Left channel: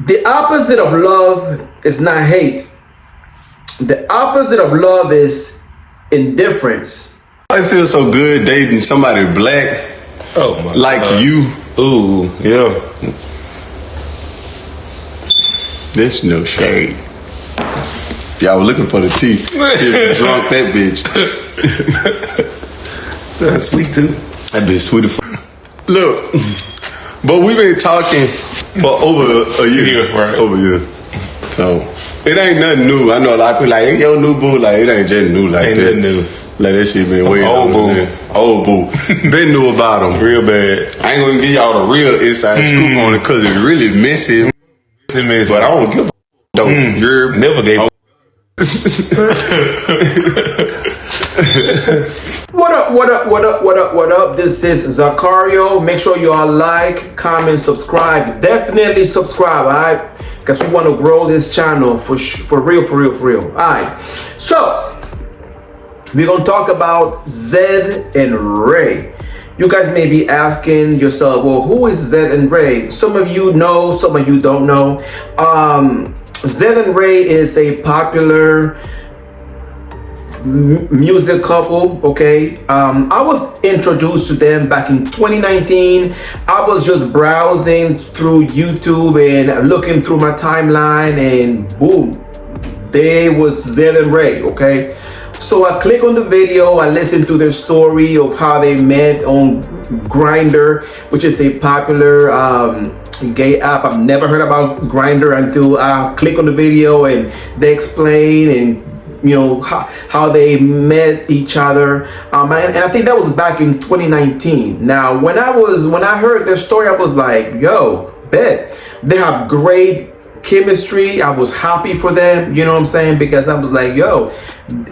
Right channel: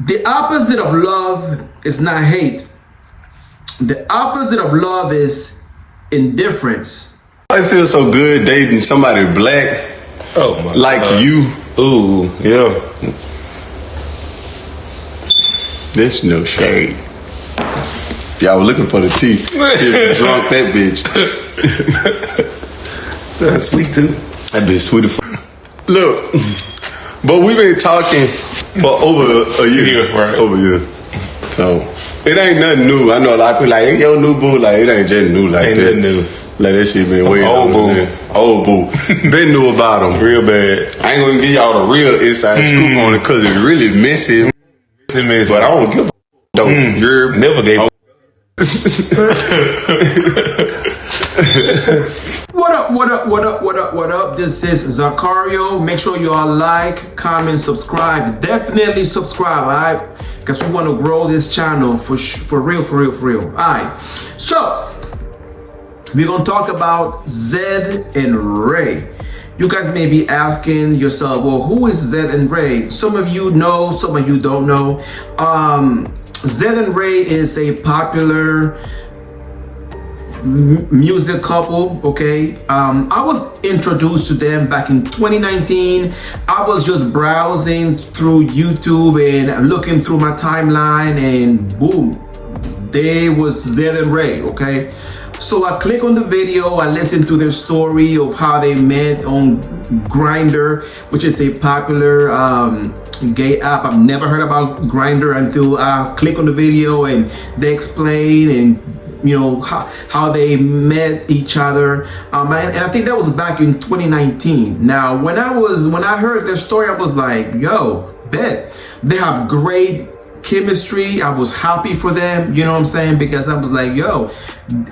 The opposite of love is not hate. The opposite of love is indifference. I feel so good dating somebody black. Oh my like God. You. Ooh, yeah. There's no shade. Y'all were looking for the tea. Drunk that bitch. That's sweet too. That bitch sweet as fuck. Look, but we've been talking for over a year. Yeah, right. Over a year. So, it ain't nothing new. I know a lot of people like, hey, yo, new boo. Like, it ain't just new like Ain't that. nothing new. Like, that shit been way Old longer boo. than- Old boo. Been knew about him. Real bad. I ain't gonna give y'all the real inside scoop on it because it's really messy. But I don't give a though. You're Never gave. What up? This is Zacario. Make sure you all like, comment, subscribe. Definitely subscribe, alright? Because we want to grow this channel for real. Alright. So, we're going to talk about Zed and Ray. You guys may be asking yourself, well, who is Zed and Ray? Some of you know, some of you don't know. Zed and Ray is a popular music couple, okay? I was introduced to them back in 2019. I was just browsing through YouTube and looking through my timeline, and boom, there was Zed and Ray, okay? So I click on the video, I listen to their story of how they met on Grindr, which is a popular gay app. I've never heard about Grindr until I click on the video and they explain and you know how they met each other, and I think that was back in 2019. Now when I heard their story, I was like, yo, bet they have great chemistry. I was happy for them, you know what I'm saying, because I was like, yo,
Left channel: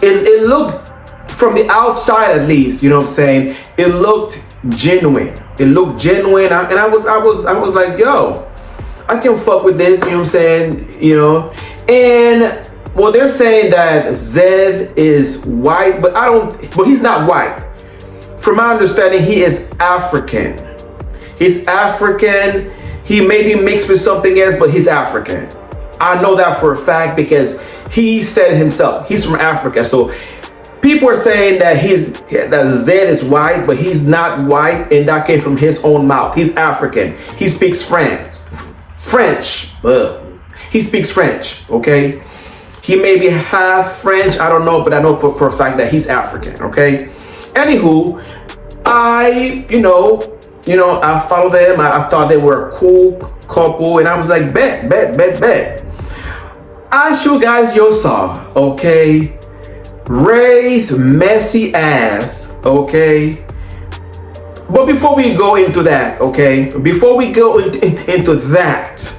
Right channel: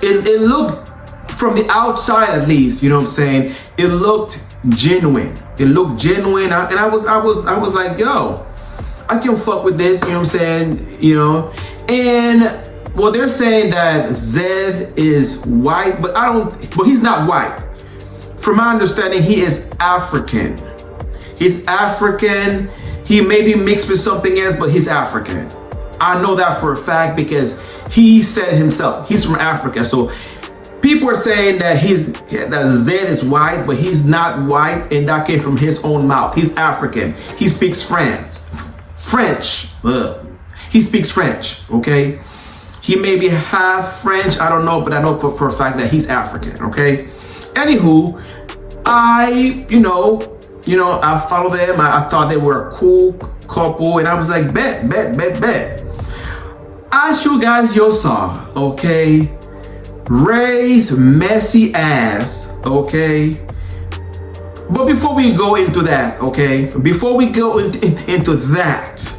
it looked, from the outside at least, you know what I'm saying, it looked genuine. And I was like, yo, I can fuck with this, you know what I'm saying, you know. And well, they're saying that Zed is white, but he's not white. From my understanding, he is African. He's African. He may be mixed with something else, but he's African. I know that for a fact because he said it himself. He's from Africa. So people are saying that that Zed is white, but he's not white, and that came from his own mouth. He's African. He speaks French. He speaks French, okay? He may be half French, I don't know, but I know for a fact that he's African, okay? Anywho, I follow them. I thought they were a cool couple, and I was like, bet. I show guys your saw, okay? Ray's messy ass, okay? But before we go into that, okay? Before we go into that,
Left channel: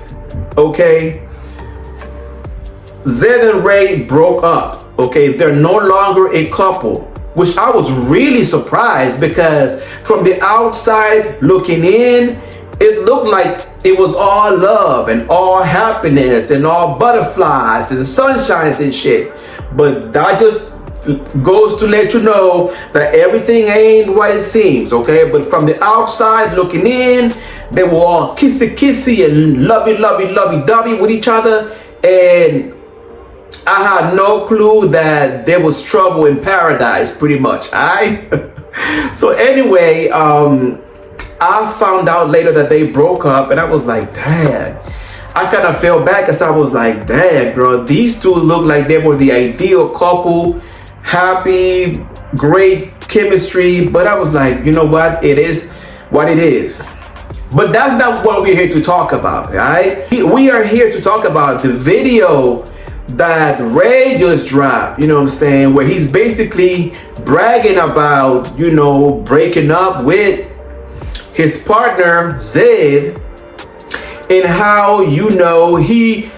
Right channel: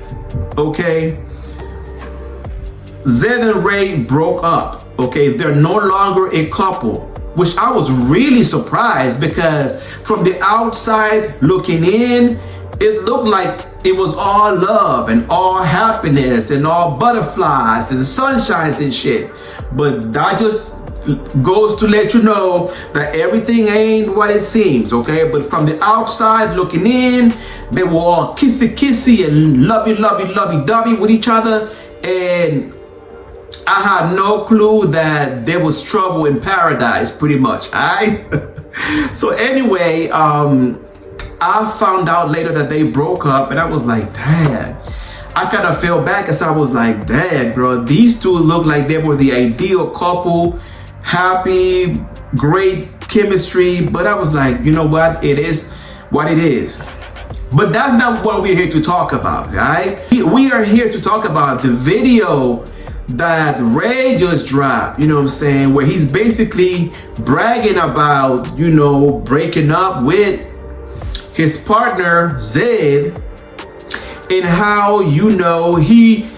okay? Zed and Ray broke up, okay? They're no longer a couple, which I was really surprised because from the outside looking in, it looked like it was all love and all happiness and all butterflies and sunshines and shit. But that just goes to let you know that everything ain't what it seems, okay? But from the outside looking in, they were all kissy and lovey-dovey with each other, and I had no clue that there was trouble in paradise, pretty much, alright? So anyway, I found out later that they broke up, and I was like, damn. I kind of felt bad because I was like, damn, bro, these two look like they were the ideal couple, happy, great chemistry, but I was like, you know what, it is what it is. But that's not what we're here to talk about, alright? We are here to talk about the video that Ray just dropped, you know what I'm saying, where he's basically bragging about, you know, breaking up with his partner Zed, and how, you know, he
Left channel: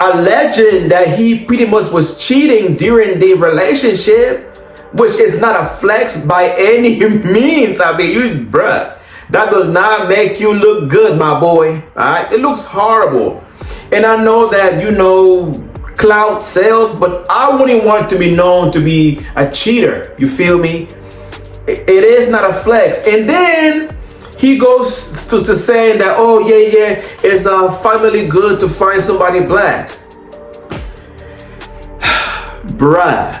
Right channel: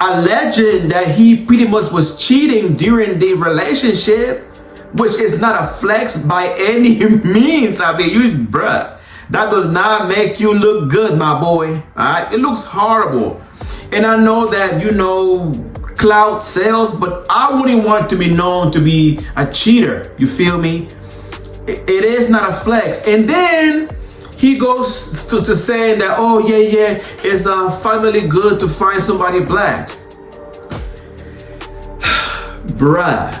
alleging that he pretty much was cheating during the relationship, which is not a flex by any means. I mean, bruh, that does not make you look good, my boy, all right? It looks horrible. And I know that, you know, clout sells, but I wouldn't want to be known to be a cheater, you feel me? It is not a flex. And then he goes to saying that, oh yeah, it's finally good to find somebody black. Bruh,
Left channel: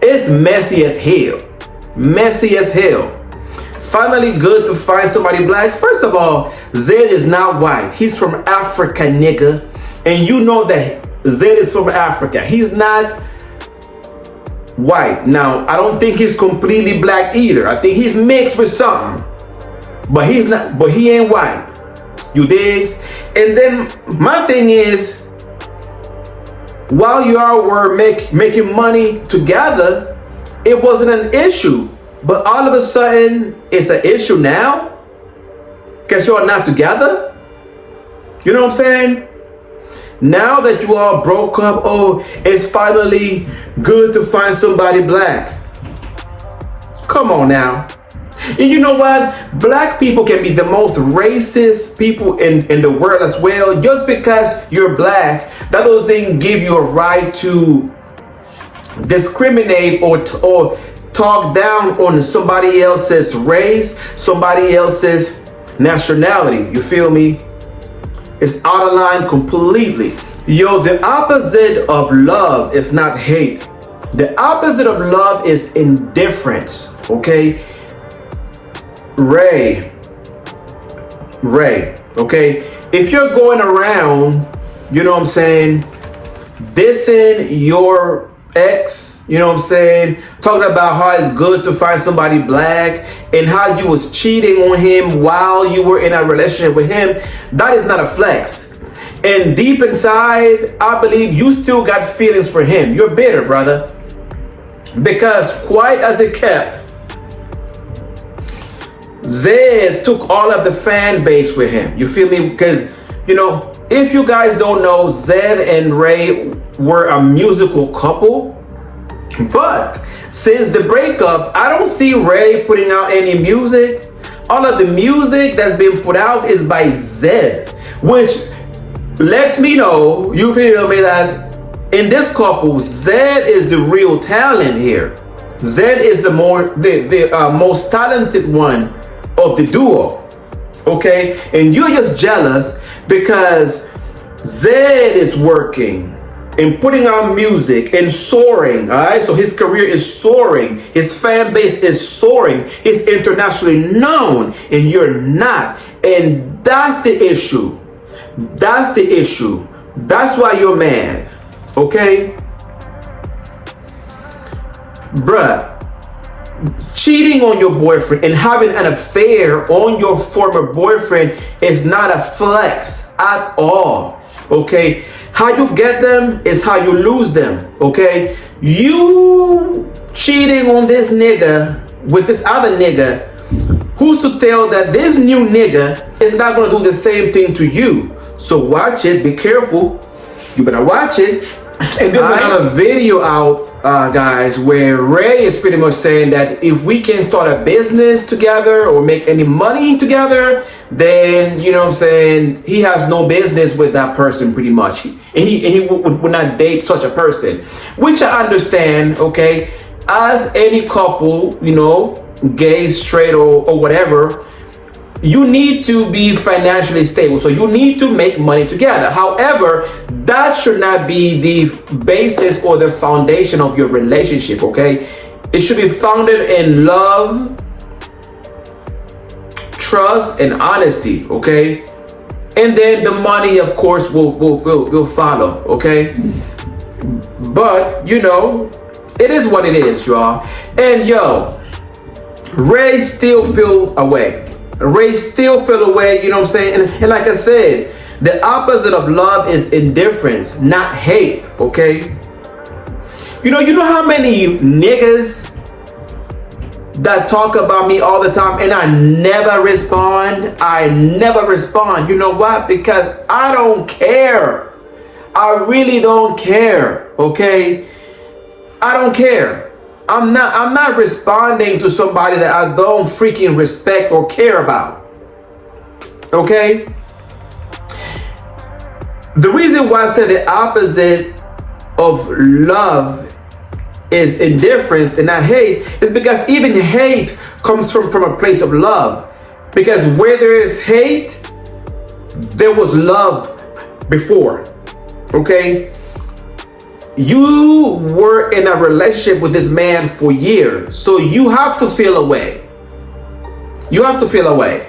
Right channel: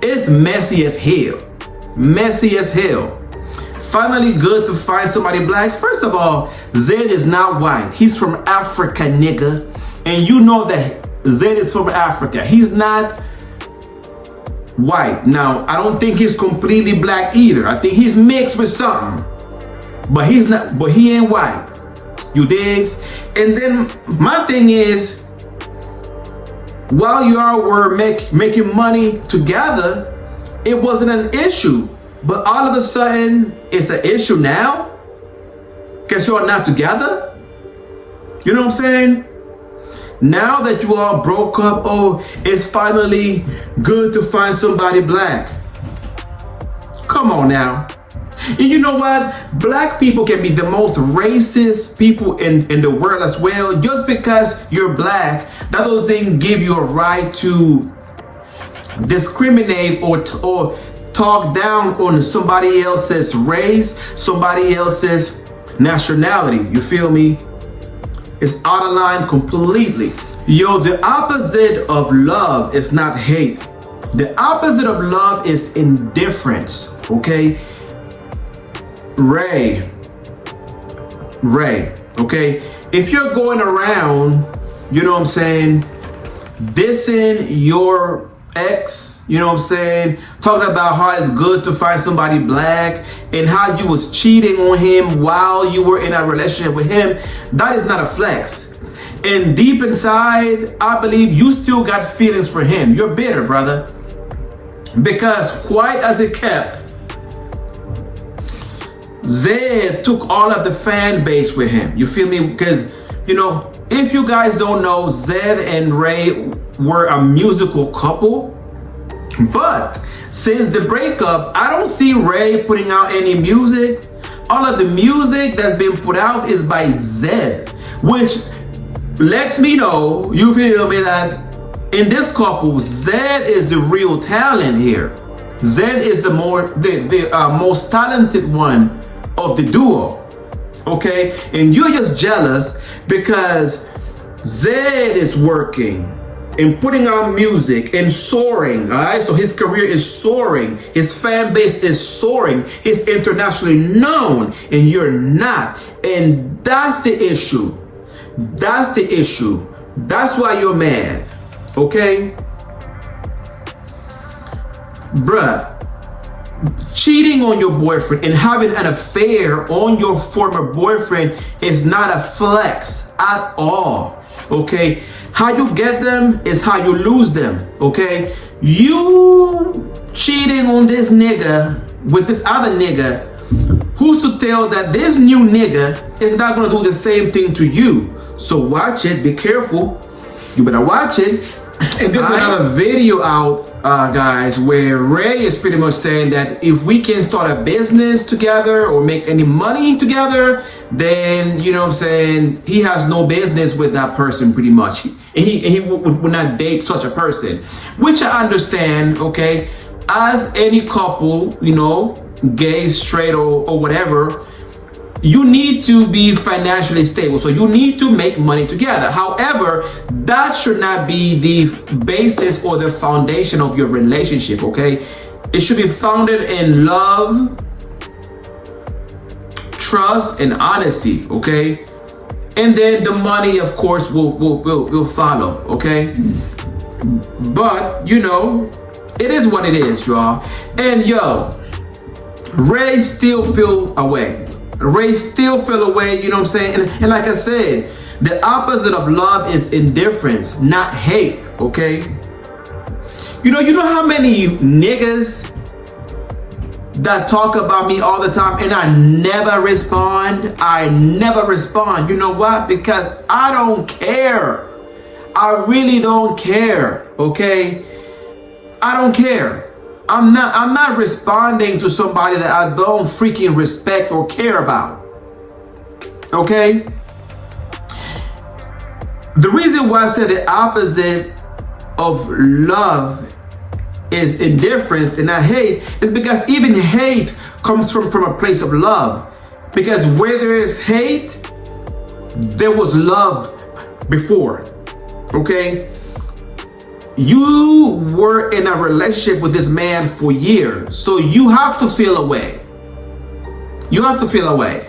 it's messy as hell. Finally good to find somebody black. First of all, Zed is not white. He's from Africa, nigga. And you know that Zed is from Africa. He's not white. Now, I don't think he's completely black either. I think he's mixed with something. But he ain't white. You digs? And then my thing is, while you all were making money together, it wasn't an issue. But all of a sudden, it's an issue now? Because you're not together? You know what I'm saying? Now that you all broke up, oh, it's finally good to find somebody black. Come on now. And you know what? Black people can be the most racist people in the world as well. Just because you're black, that doesn't give you a right to discriminate or talk down on somebody else's race, somebody else's nationality. You feel me? It's out of line completely. Yo, the opposite of love is not hate. The opposite of love is indifference, okay? Ray, okay? If you're going around, you know what I'm saying, dissing your ex, you know what I'm saying, talking about how it's good to find somebody black and how you was cheating on him while you were in a relationship with him, that is not a flex. And deep inside, I believe you still got feelings for him. You're bitter, brother. Because quite as it kept, Zed took all of the fan base with him. You feel me? Because, you know, if you guys don't know, Zed and Ray were a musical couple. But since the breakup, I don't see Ray putting out any music. All of the music that's been put out is by Zed, which lets me know, you feel me, that in this couple, Zed is the real talent here. Zed is the most talented one of the duo, okay? And you're just jealous because Zed is working and putting out music and soaring, all right? So his career is soaring. His fan base is soaring. He's internationally known and you're not. And that's the issue. That's the issue. That's why you're mad, okay? Bruh, cheating on your boyfriend and having an affair on your former boyfriend is not a flex at all, okay? How you get them is how you lose them, okay? You cheating on this nigga with this other nigga, who's to tell that this new nigga is not gonna do the same thing to you? So watch it, be careful. You better watch it. And there's another video out, guys, where Ray is pretty much saying that if we can start a business together or make any money together, then, you know what I'm saying, he has no business with that person pretty much. He would not date such a person, which I understand, okay? As any couple, you know, gay, straight, or whatever, you need to be financially stable. So you need to make money together. However, that should not be the basis or the foundation of your relationship, okay? It should be founded in love, trust, and honesty, okay? And then the money, of course, will follow, okay? But, you know, it is what it is, y'all. And yo, Ray still feel away. Ray still feel away, you know what I'm saying? And like I said, the opposite of love is indifference, not hate, okay? You know how many niggas that talk about me all the time and I never respond? I never respond. You know what? Because I don't care. I really don't care, okay? I don't care. I'm not responding to somebody that I don't freaking respect or care about. Okay? The reason why I said the opposite of love is indifference and not hate, is because even hate comes from a place of love. Because where there is hate, there was love before. Okay? You were in a relationship with this man for years, so you have to feel a way. You have to feel a way.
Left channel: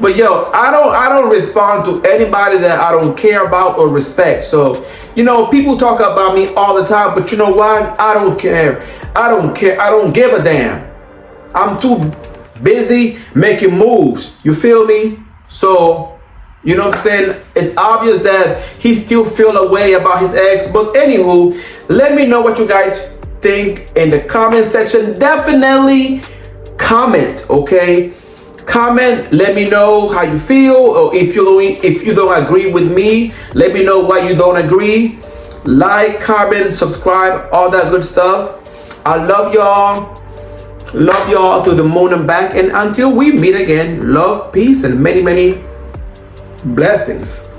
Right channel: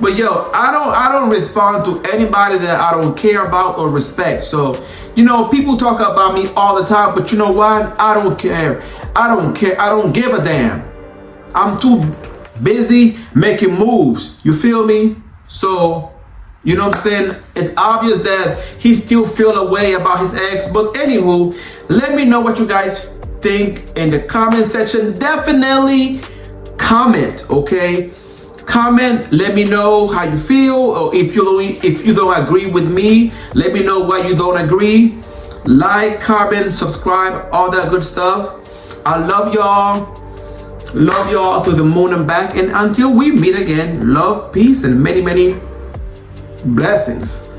But yo, I don't respond to anybody that I don't care about or respect. So, you know, people talk about me all the time, but you know what? I don't care. I don't care. I don't give a damn. I'm too busy making moves. You feel me? So, you know what I'm saying? It's obvious that he still feel a way about his ex. But anywho, let me know what you guys think in the comment section. Definitely comment, okay? Comment, let me know how you feel, or if you don't agree with me, let me know why you don't agree. Like, comment, subscribe, all that good stuff. I love y'all through the moon and back, and until we meet again, love, peace, and many blessings.